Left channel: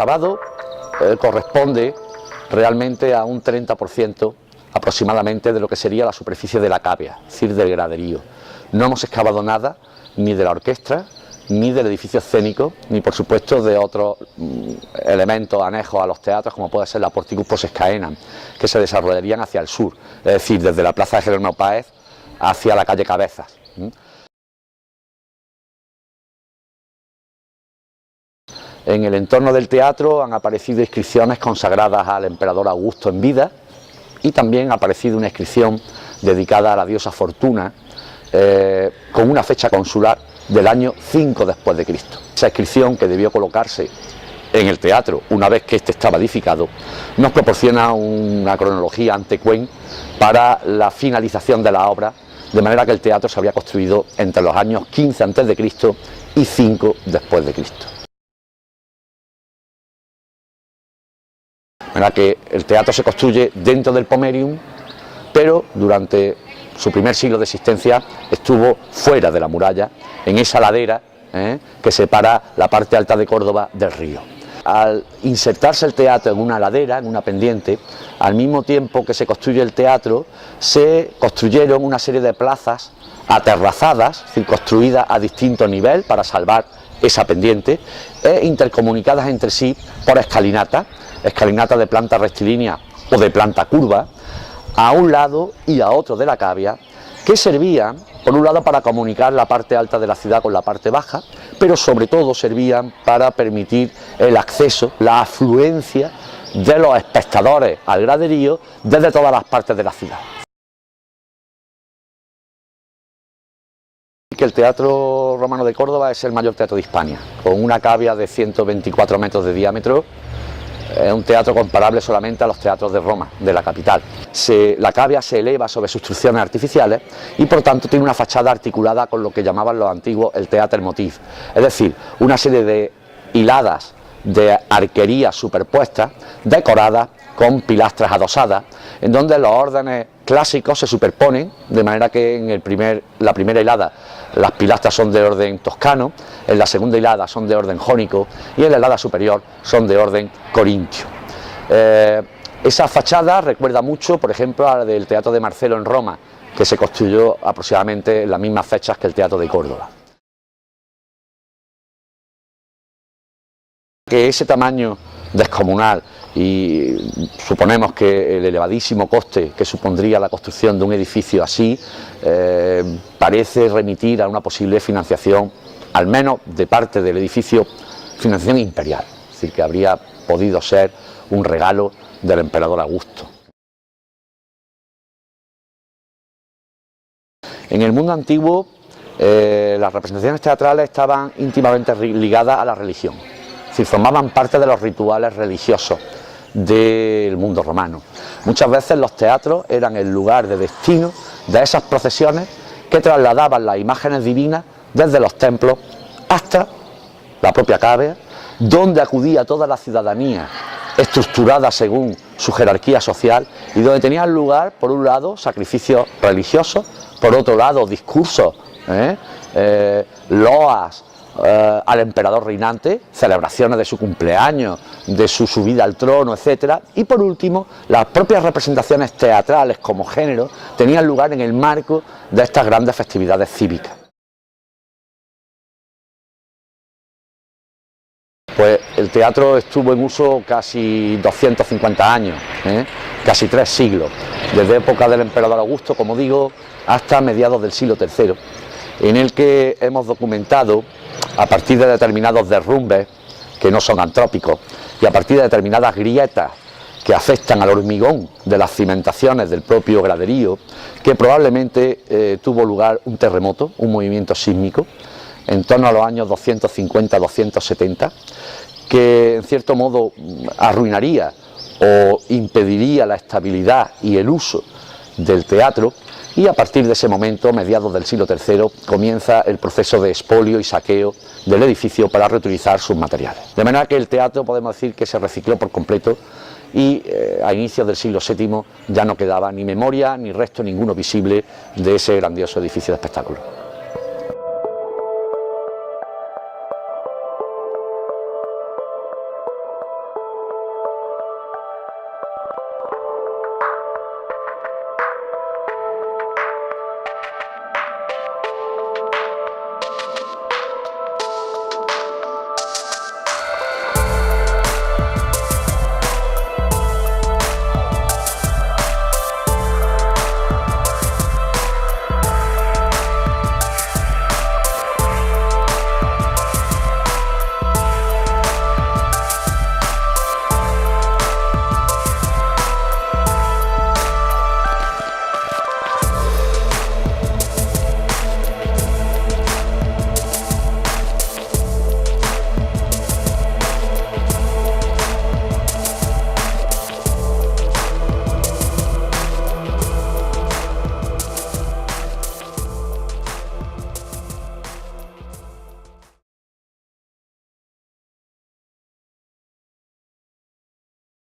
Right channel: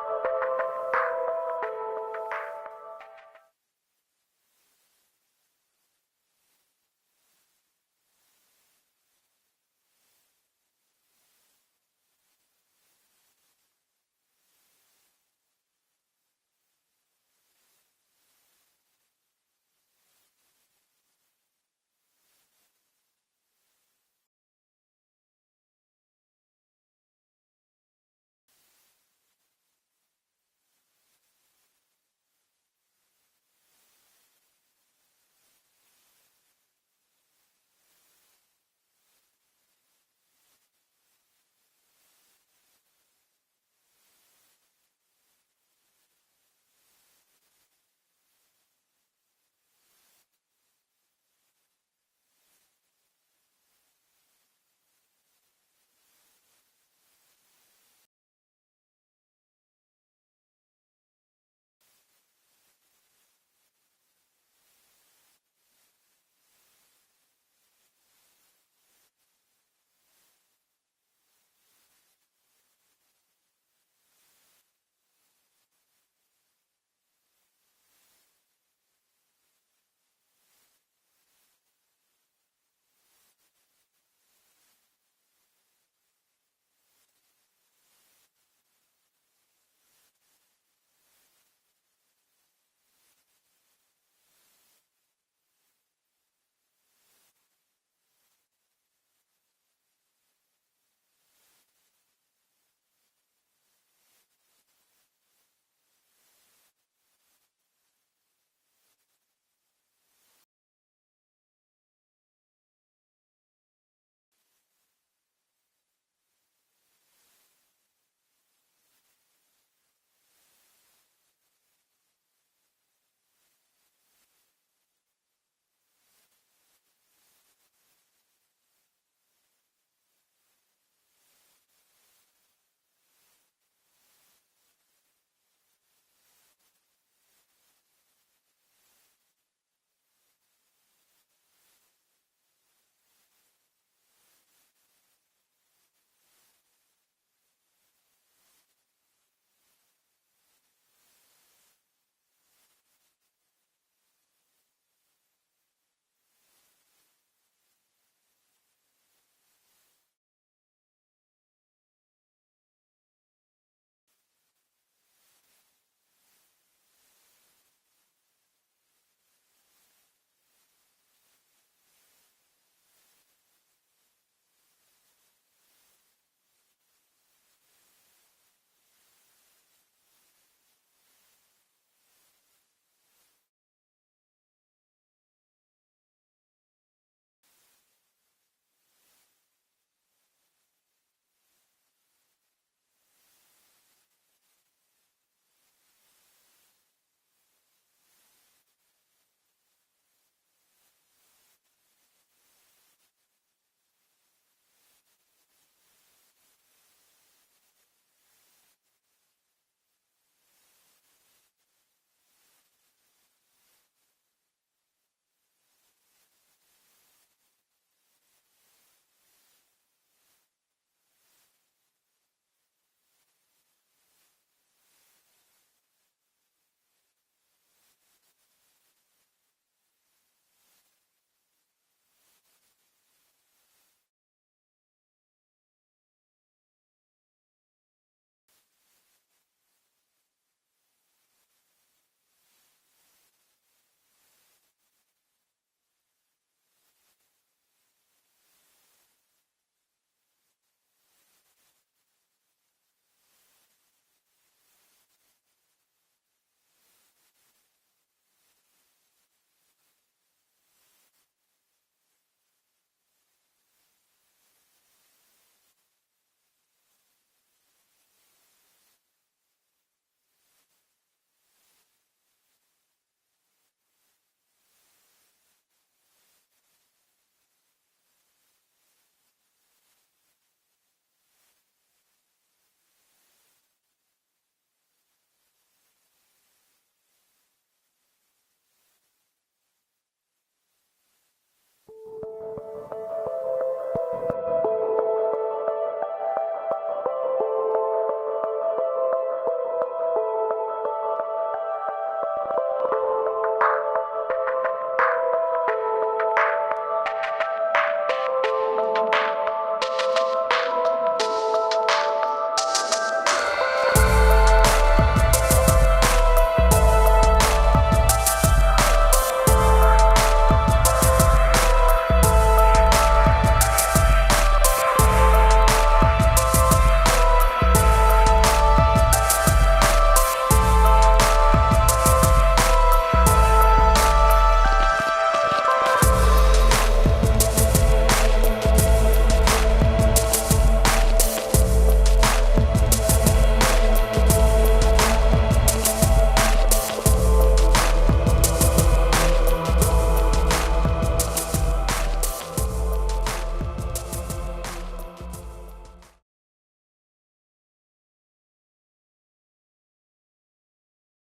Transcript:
excavado corresponde realmente a un 30% aproximadamente de lo que sería la superficie de la cavea, es decir, del graderío. No hemos excavado nada ni de la orquestra, ni del edificio escénico, ni por supuesto de otros elementos anejos a los teatros, como puede ser la Porticus Posescaenam, que se desarrollarían hacia el sur, es decir, desde la plaza de Jerónimo Páez hacia la calle Cabezas. En el entorno del teatro han aparecido inscripciones consagradas al emperador Augusto en vida, y también ha aparecido una inscripción dedicada a la diosa Fortuna, con una fecha consular del año 5 después de Cristo. Esa inscripción, que debió colocarse en el teatro una vez que éste estaba edificado, nos proporciona una cronología antequén para la finalización de la obra, de manera que el teatro se habría construido entre los años 15 antes de Cristo y 5 después de Cristo. De manera que el teatro se construye dentro del Pomerium, pero durante su primer siglo de existencia estuvo fuera de la muralla, en esa ladera que separa la parte alta de Córdoba del río. Al insertarse el teatro en una ladera, en una pendiente, al mismo tiempo que se construye el teatro, se construyeron una serie de plazas aterrazadas, es decir, construidas a distinto nivel para salvar esa pendiente, e intercomunicadas entre sí por escalinatas de planta rectilínea o de planta curva, a un lado y a otro de la cavea, que servían, por un lado, para comunicar la parte alta de la ciudad con la parte baja, pero sobre todo servían para permitir el acceso, la afluencia de los espectadores al graderío desde todas las partes de la ciudad. Que el Teatro Romano de Córdoba es el mayor teatro de Hispania, con una cavea de 124 metros de diámetro. Es un teatro comparable solamente a los teatros de Roma, de la capital. La cavea se eleva sobre construcciones artificiales y por tanto tiene una fachada articulada con lo que llamaban los antiguos el Theater Motiv, es decir, una serie de hiladas de arquerías superpuestas, decoradas con pilastras adosadas, en donde los órdenes clásicos se superponen, de manera que en la primera hilada las pilastras son de orden toscano, en la segunda hilada son de orden jónico y en la hilada superior son de orden corintio. Esa fachada recuerda mucho, por ejemplo, a la del Teatro de Marcelo en Roma, que se construyó aproximadamente en las mismas fechas que el Teatro de Córdoba. Que ese tamaño descomunal y suponemos que el elevadísimo coste que supondría la construcción de un edificio así parece remitir a una posible financiación, al menos de parte del edificio, financiación imperial, es decir, que habría podido ser un regalo del emperador Augusto. En el mundo antiguo las representaciones teatrales estaban íntimamente ligadas a la religión. Es decir, formaban parte de los rituales religiosos del mundo romano. Muchas veces los teatros eran el lugar de destino de esas procesiones que trasladaban las imágenes divinas desde los templos hasta la propia cavea, donde acudía toda la ciudadanía estructurada según su jerarquía social y donde tenían lugar, por un lado, sacrificios religiosos, por otro lado, discursos, loas al emperador reinante, celebraciones de su cumpleaños, de su subida al trono, etcétera, y por último, las propias representaciones teatrales como género tenían lugar en el marco de estas grandes festividades cívicas. Pues el teatro estuvo en uso casi 250 años, casi 3 siglos, desde época del emperador Augusto, como digo, hasta mediados del siglo III, en el que hemos documentado, a partir de determinados derrumbes que no son antrópicos y a partir de determinadas grietas que afectan al hormigón de las cimentaciones del propio graderío, que probablemente tuvo lugar un terremoto, un movimiento sísmico, en torno a los años 250-270, que en cierto modo arruinaría o impediría la estabilidad y el uso del teatro, y a partir de ese momento, mediados del siglo III, comienza el proceso de expolio y saqueo del edificio para reutilizar sus materiales. De manera que el teatro podemos decir que se recicló por completo y a inicios del siglo VII ya no quedaba ni memoria ni resto ninguno visible de ese grandioso edificio de espectáculo.